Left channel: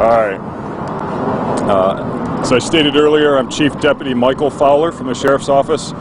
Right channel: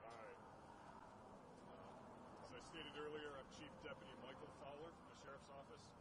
All right. As I stated earlier, I'm Chief Deputy Michael Fowler from the Sheriff's Office.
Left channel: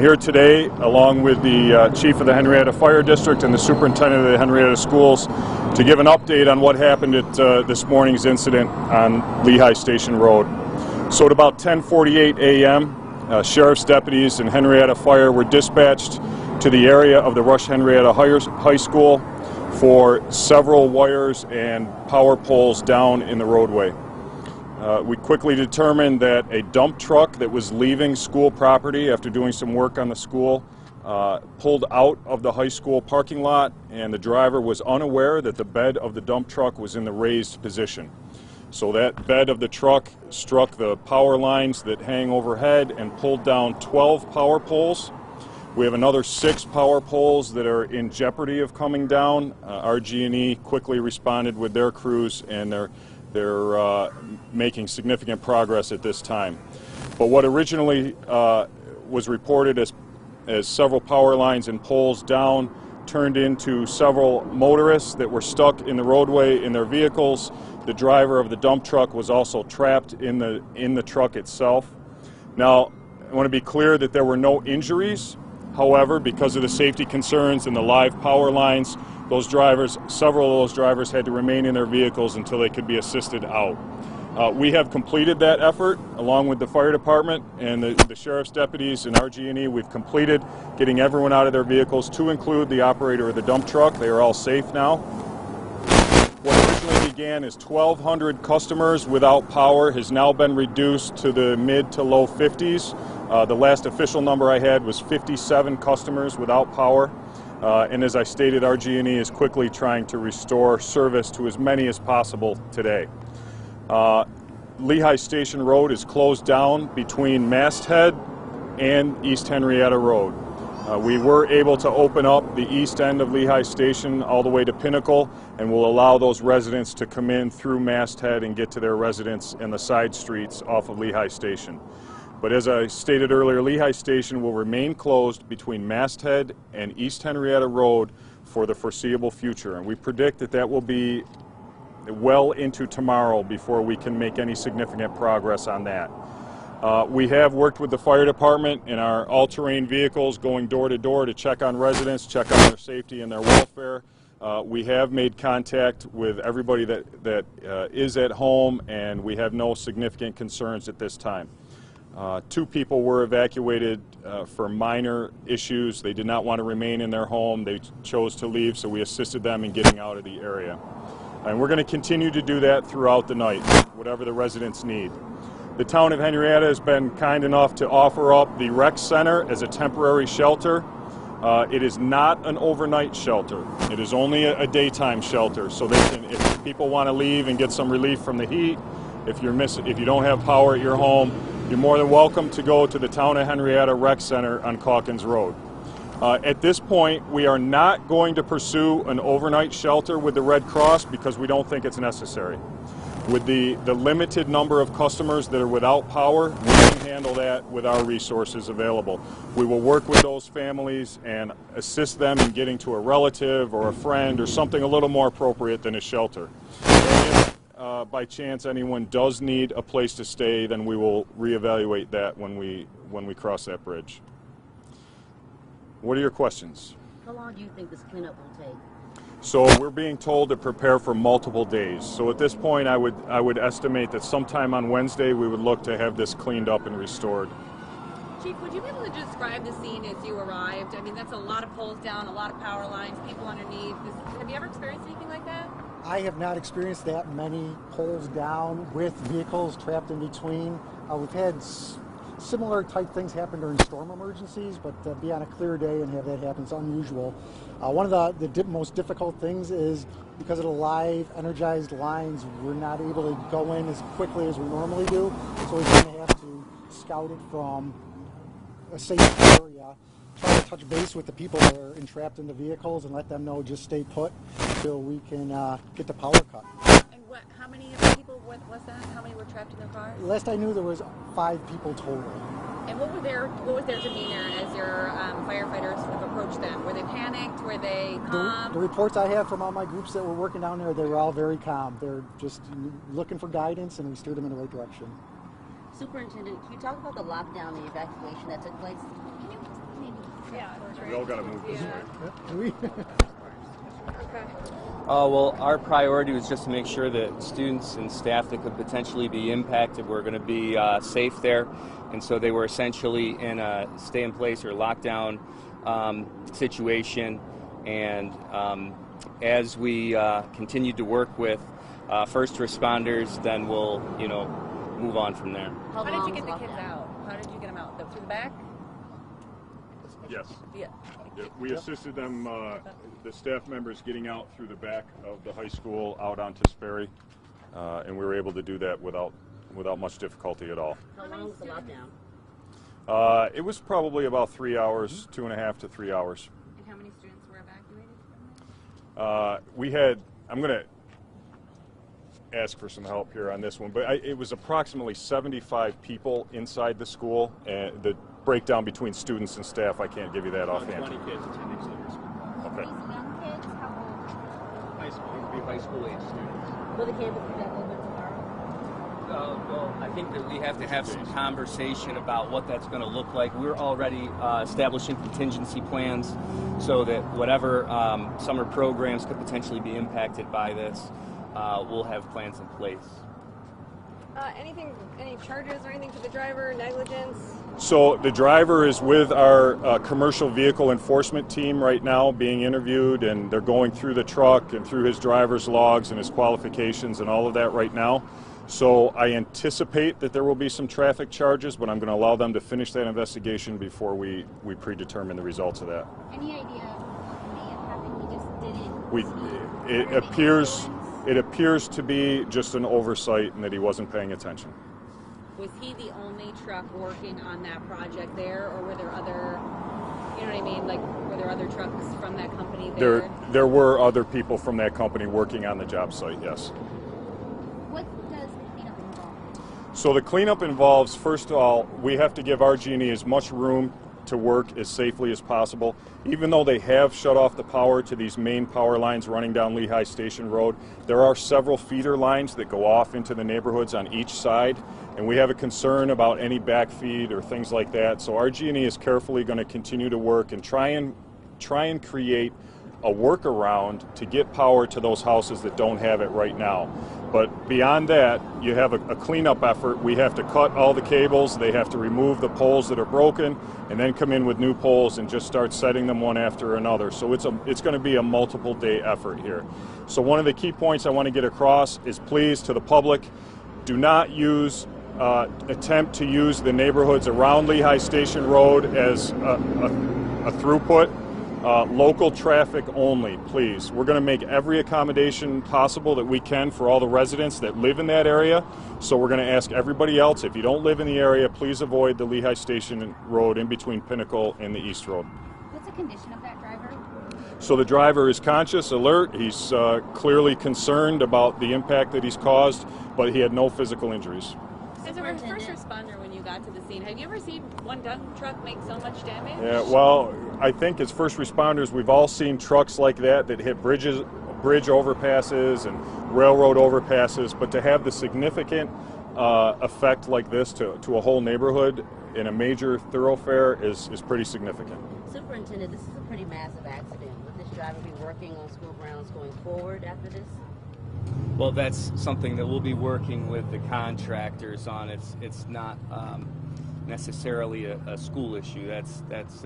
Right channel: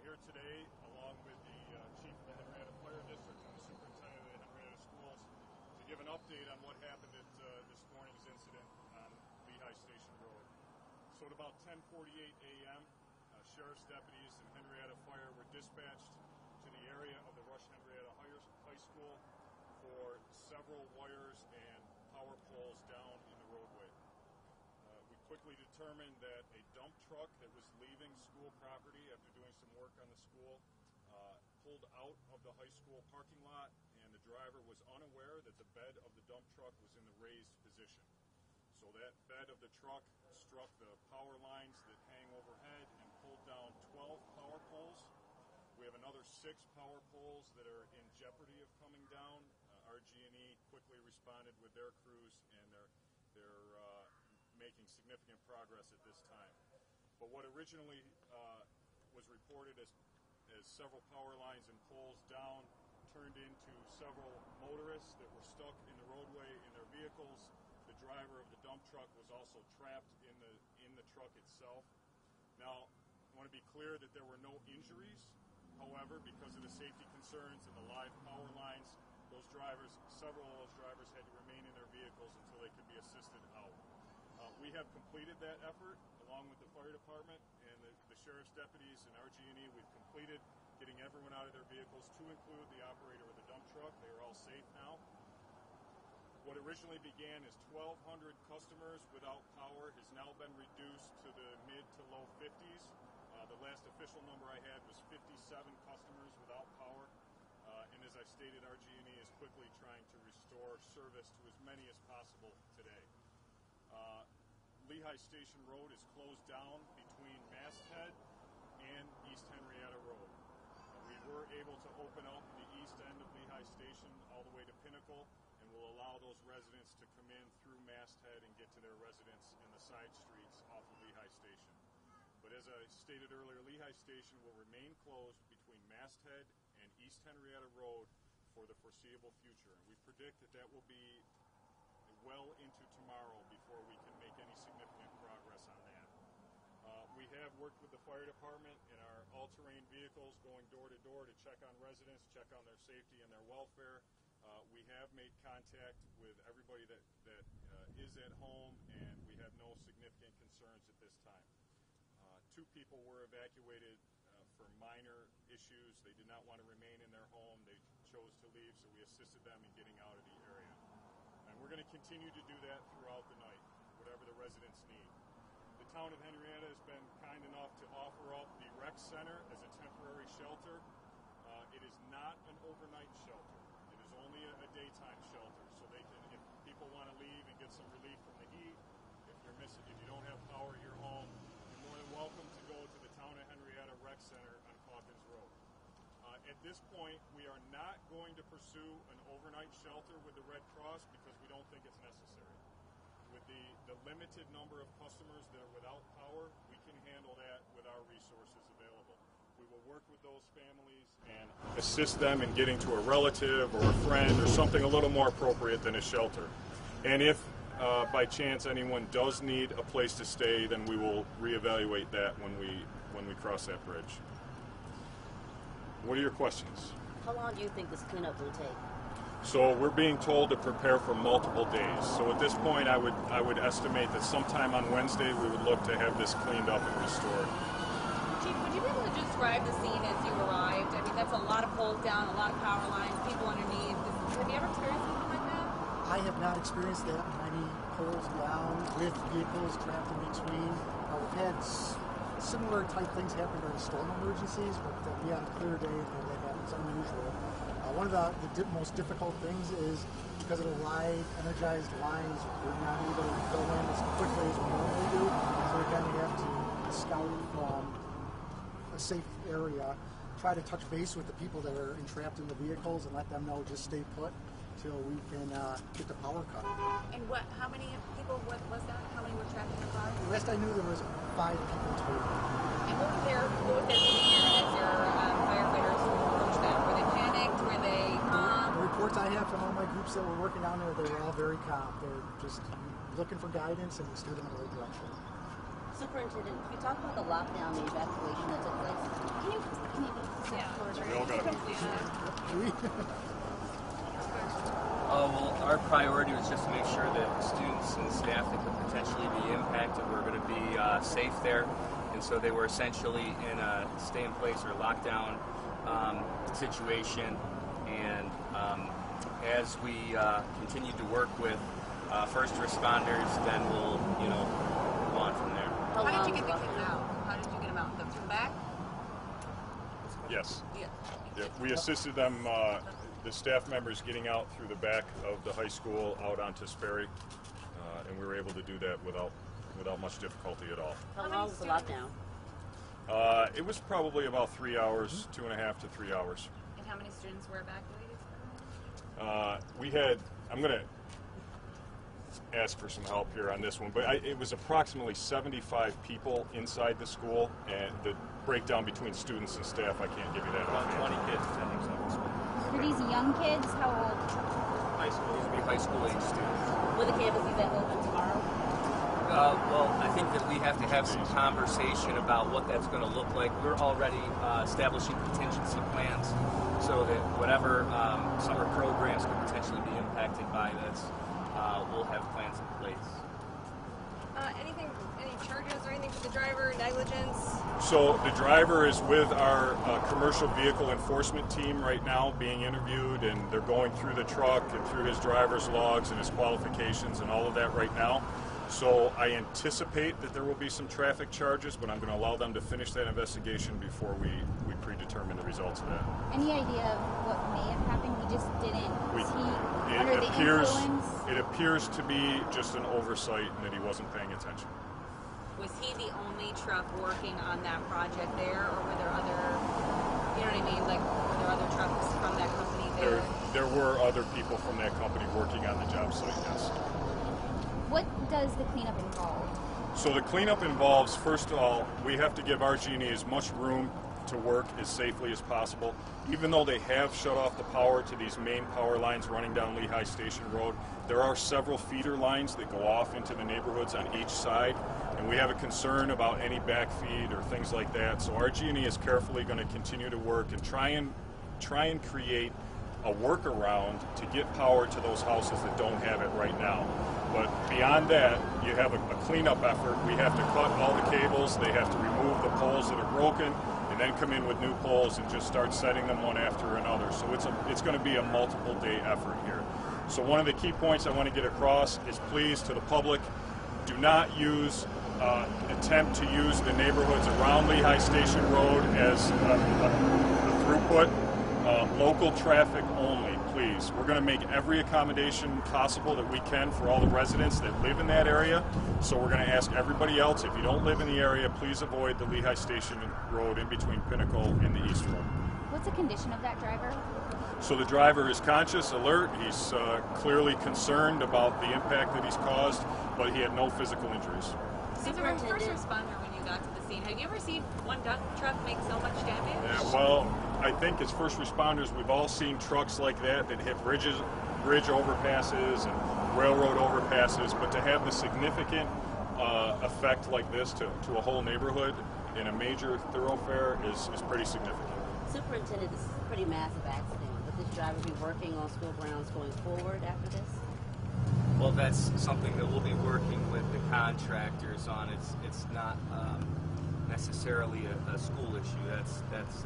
Here today, along with the Chief of the Henrietta Fire District and the Superintendent of the Henrietta Schools, to give an update on what happened at this morning's incident on Lehigh Station Road. So at about 10:48 a.m., Sheriff's deputies and Henrietta Fire were dispatched to the area of the Rush Henrietta High School for several wires and power poles down in the roadway. We quickly determined that a dump truck that was leaving school property after doing some work on the school pulled out of the high school parking lot, and the driver was unaware that the bed of the dump truck was in the raised position. So that bed of the truck struck the power lines that hang overhead and pulled down 12 power poles. We have another 6 power poles that are in jeopardy of coming down. RG&E quickly responded with their crews, and they're making significant progress at this time. But what originally was reported as several power lines and poles down turned into several motorists that were stuck in the roadway in their vehicles. The driver of the dump truck was also trapped in the truck itself. Now, I want to be clear that there were no injuries. However, because of the safety concerns and the live power lines, several of those drivers had to remain in their vehicles until they could be assisted out. We have completed that effort along with the fire department and the sheriff's deputies and RG&E. We've completed getting everyone out of their vehicles, to include the operator of the dump truck. They are all safe now. What originally began as 1,200 customers without power has now been reduced to the mid to low 50s. The last official number I had was 57 customers without power. And as I stated, RG&E is quickly trying to restore service to as many as possible today. Lehigh Station Road is closed down between Masthead and East Henrietta Road. We were able to open up the east end of Lehigh Station all the way to Pinnacle, and will allow those residents to come in through Masthead and get to their residence in the side streets off of Lehigh Station. But as I stated earlier, Lehigh Station will remain closed between Masthead and East Henrietta Road for the foreseeable future, and we predict that that will be well into tomorrow before we can make any significant progress on that. We have worked with the fire department in our all-terrain vehicles going door to door to check on residents, check on their safety and their welfare. We have made contact with everybody that is at home, and we have no significant concerns at this time. 2 people were evacuated for minor issues. They did not want to remain in their home. They chose to leave, so we assisted them in getting out of the area. And we're going to continue to do that throughout the night, whatever the residents need. The town of Henrietta has been kind enough to offer up the rec center as a temporary shelter. It is not an overnight shelter. It is only a daytime shelter, so they can, if people want to leave and get some relief from the heat, if you don't have power at your home, you're more than welcome to go to the Town of Henrietta Rec Center on Calkins Road. At this point, we are not going to pursue an overnight shelter with the Red Cross because we don't think it's necessary. With the limited number of customers that are without power, we can handle that with our resources available. We will work with those families and assist them in getting to a relative or a friend or something a little more appropriate than a shelter. And if by chance anyone does need a place to stay, then we will reevaluate that when we cross that bridge. What are your questions? How long do you think this cleanup will take? So we're being told to prepare for multiple days. So at this point, I would estimate that sometime on Wednesday we would look to have this cleaned up and restored. Chief, would you be able to describe the scene as you arrived? I mean, that's a lot of poles down, a lot of power lines, people underneath. Have you ever experienced anything like that? I have not experienced that many poles down with vehicles trapped in between. We've had similar type things happen during storm emergencies, but to be on a clear day and have that happen is unusual. One of the most difficult things is because of the live energized lines, we're not able to go in as quickly as we normally do, so we're going to have to scout it from a safe area, try to touch base with the people that are entrapped in the vehicles and let them know just stay put until we can get the power cut. And how many people was that? How many were trapped in the car? Last I knew there was 5 people total. And what was their demeanor as your firefighters approached them? Were they panicked? Were Were they The calm? reports I have from all my groups that were working down there, they were all very calm. They're just looking for guidance, and we steered them in the right direction. Superintendent, can you talk about the lockdown, the evacuation that took place? Can you maybe We all got to move. Well, our priority was just to make sure that students and staff that could potentially be impacted were going to be safe there. And so they were essentially in a stay-in-place or lockdown situation. And as we continued to work with first responders, then we'll, move on from there. How did you get the kids out? How did you get them out? Through the back? Yes. Yeah. We assisted them, the staff members, getting out through the back of the high school out onto Sperry, and we were able to do that without much difficulty at all. How long was the lockdown? It was probably about 3 hours, 2.5 to 3 hours. And how many students were evacuated? I'm going to ask for some help here on this one, but it was approximately 75 people inside the school, and the breakdown between students and staff, I can't give you that offhand. 20 kids attending Sunday Were these young kids? How old? school. High school. These would be high school age students. Will the campus be back open tomorrow? Well, I think that we have to have some conversation about what that's going to look like. We're already establishing contingency plans so that whatever summer programs could potentially be impacted by this, we'll have plans in place. Any charges or anything for the driver? Negligence? So the driver is with our commercial vehicle enforcement team right now being interviewed, and they're going through the truck and through his driver's logs and his qualifications and all of that right now. So I anticipate that there will be some traffic charges, but I'm going to allow them to finish that investigation before we predetermine the results of that. Any idea of what may have happened? We just didn't. We, Was he it under the appears influence? it appears to be just an oversight and that he wasn't paying attention. Was he the only truck working on that project there, or were there other, you know what I mean, like were there other trucks from that company there? There were other people from that company working on the job site, yes. What does the cleanup involve? So the cleanup involves, first of all, we have to give RG&E as much room to work as safely as possible. Even though they have shut off the power to these main power lines running down Lehigh Station Road, there are several feeder lines that go off into the neighborhoods on each side, and we have a concern about any backfeed or things like that. So RG&E is carefully going to continue to work and try and create a workaround to get power to those houses that don't have it right now. But beyond that, you have a cleanup effort. We have to cut all the cables. They have to remove the poles that are broken, and then come in with new poles and just start setting them one after another. So it's going to be a multiple day effort here. So one of the key points I want to get across is, please, to the public, do not attempt to use the neighborhoods around Lehigh Station Road as a throughput. Local traffic only, please. We're going to make every accommodation possible that we can for all the residents that live in that area. So we're going to ask everybody else, if you don't live in the area, please avoid the Lehigh Station Road in between Pinnacle and the East Road. What's the condition of that driver? So the driver is conscious, alert. He's clearly concerned about the impact that he's caused, but he had no physical injuries. As a first responder, when you got to the scene, have you ever seen one dump truck make so much damage? Yeah, well, I think as first responders, we've all seen trucks like that hit bridge overpasses and railroad overpasses, but to have the significant effect like this to a whole neighborhood in a major thoroughfare is pretty significant. Superintendent, this is a pretty massive accident. Would this driver be working on school grounds going forward after this? Well, that's something that we'll be working with the contractors on. It's not necessarily a school issue. That's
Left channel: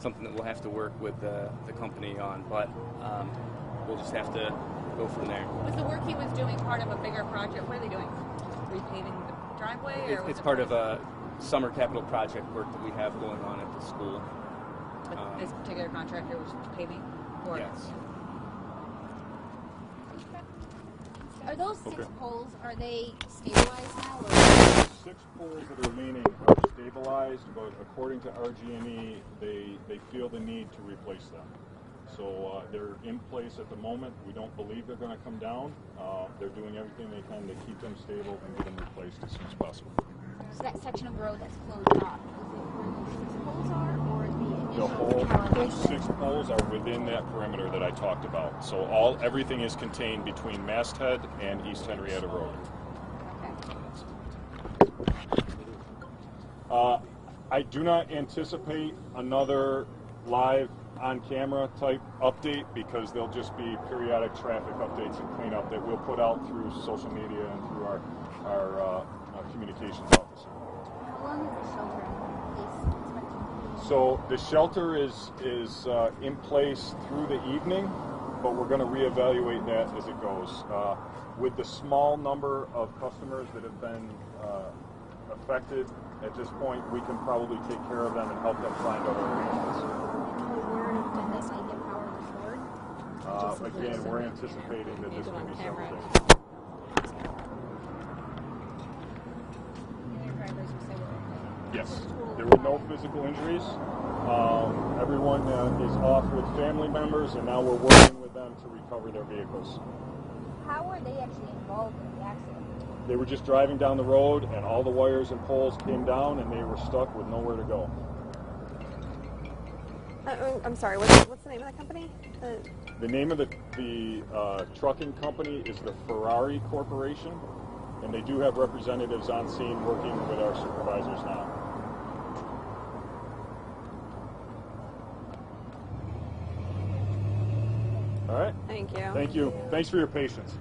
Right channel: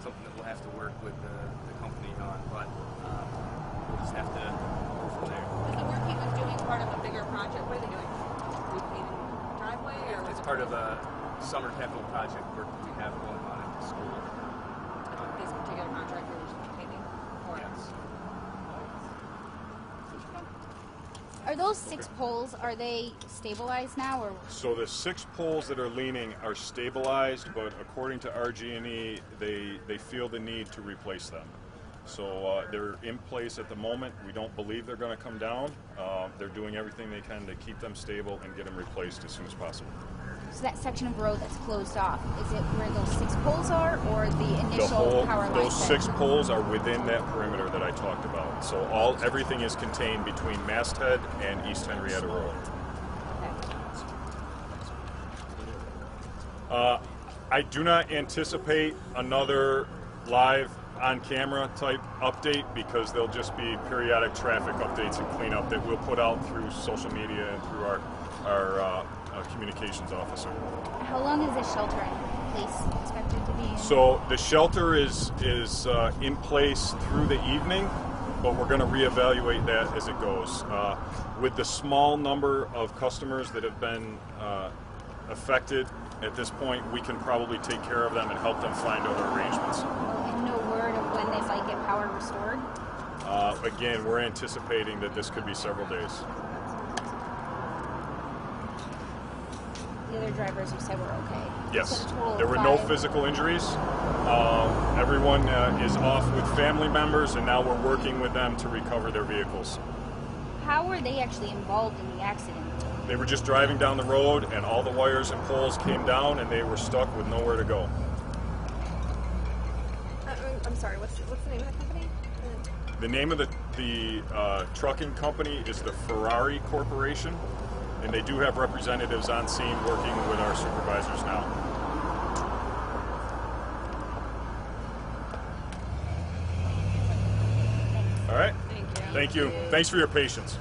something that we'll have to work with the company on, but we'll just have to go from there. Was the work he was doing part of a bigger project? What are they doing? Repaving the driveway? Or It's part of a summer capital project work that we have going on at the school. This particular contractor was paving? Or Yes. Are those six poles, are they stabilized now? Or The 6 poles that are leaning are stabilized, but according to RG&E, they feel the need to replace them. So they're in place at the moment. We don't believe they're going to come down. They're doing everything they can to keep them stable and get them replaced as soon as possible. So that section of road that's closed off, is it where those 6 poles are, or the initial The whole, power those lines? 6 poles are within that perimeter that I talked about. So everything is contained between Masthead and East Henrietta Road. Okay. I do not anticipate another live on-camera type update because there'll just be periodic traffic updates and cleanup that we'll put out through social media and through our communications officer. How long is this shelter in place expected to be? So the shelter is in place through the evening, but we're going to reevaluate that as it goes. With the small number of customers that have been affected at this point, we can probably take care of them and help them find other arrangements. And no word of when they might get power restored? Again, we're anticipating that this could be several days. The other drivers you said were okay? Yes, So the total there were no 5. physical injuries. Everyone is off with family members, and now we're working with them to recover their vehicles. How were they actually involved in the accident? They were just driving down the road, and all the wires and poles came down, and they were stuck with nowhere to go. I'm sorry, what's the name of the company? The name of the trucking company is the Ferrari Corporation, and they do have representatives on scene working with our supervisors now. All right. Thank you. Thank you. Thanks for your patience.